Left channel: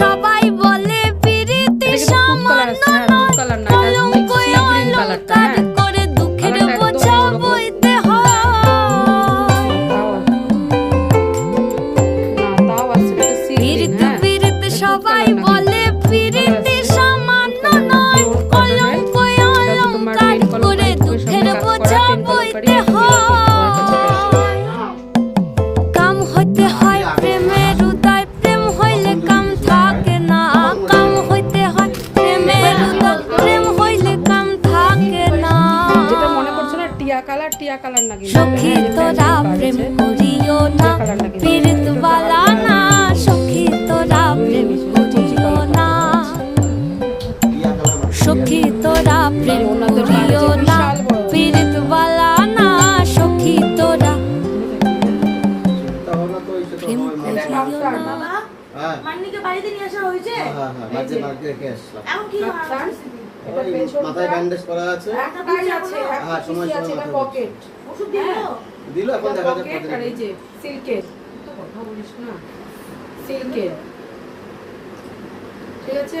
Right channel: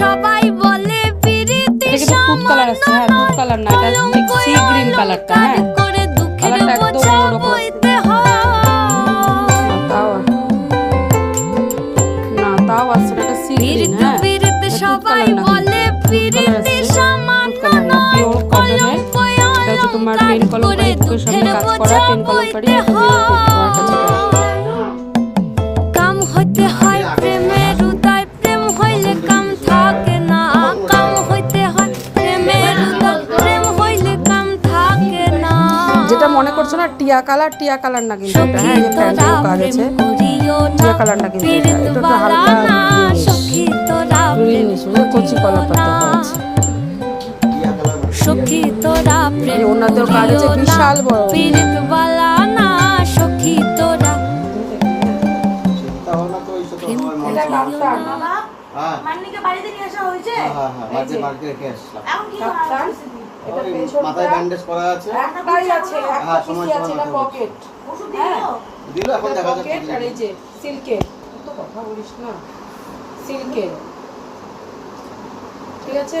সবাই বলে পিরিতি সামান্য নয়, কলঙ্ক অলংকার করে দুঃখের বোঝা বইতে হয়। পিরিতি পিরিতি সবাই বলে পিরিতি সামান্য নয়, কলঙ্ক অলংকার করে দুঃখের বোঝা বইতে হয়। কাম হইতে হয় প্রেমের উদয়, প্রেম হইলে কাম থাকে না। কাম হইতে হয় প্রেমের উদয়, প্রেম হইলে কাম থাকে না। যেটা মনে করছো না টিয়া কালার না কিন্তু সখী তোরা প্রেম করিও না, পীড়িত বালা না। সখী তোরা প্রেম করিও না, সখী তোরা প্রেম করিও না, পীড়িত বালা না। সখী তোরা প্রেম করিও না। মান্নিকে বাড়িতে নিয়ে আসা হয়েছে। হ্যাঁ বাড়িতে রেখে আসলাম। এখন কি মাথায় ব্যান্ডেজ করা আছে। একটাই আছে, একটা পিসি আছে, এটা পকেট। ওষুধ দিল? দিল এখন দেখা যাচ্ছে। পকেট আর এই যে সিল্কের, তো কথা বলিস না, সিল্কের, ঠিক আছে।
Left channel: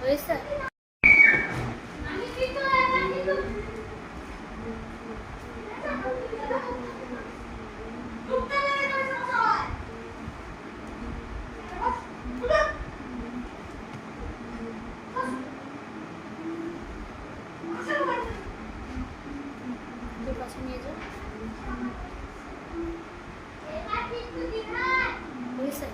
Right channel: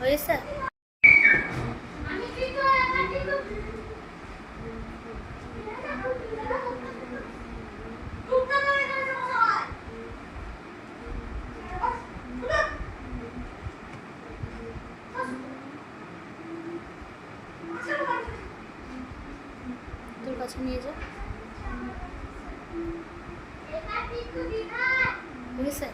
হয়েছে তোর কাছে নিয়ে যা। হয়েছে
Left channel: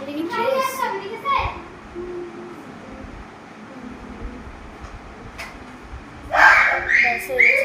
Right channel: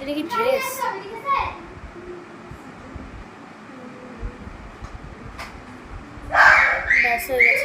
এটা কি ড্রেস? ব্যাস হয়ে গেছে।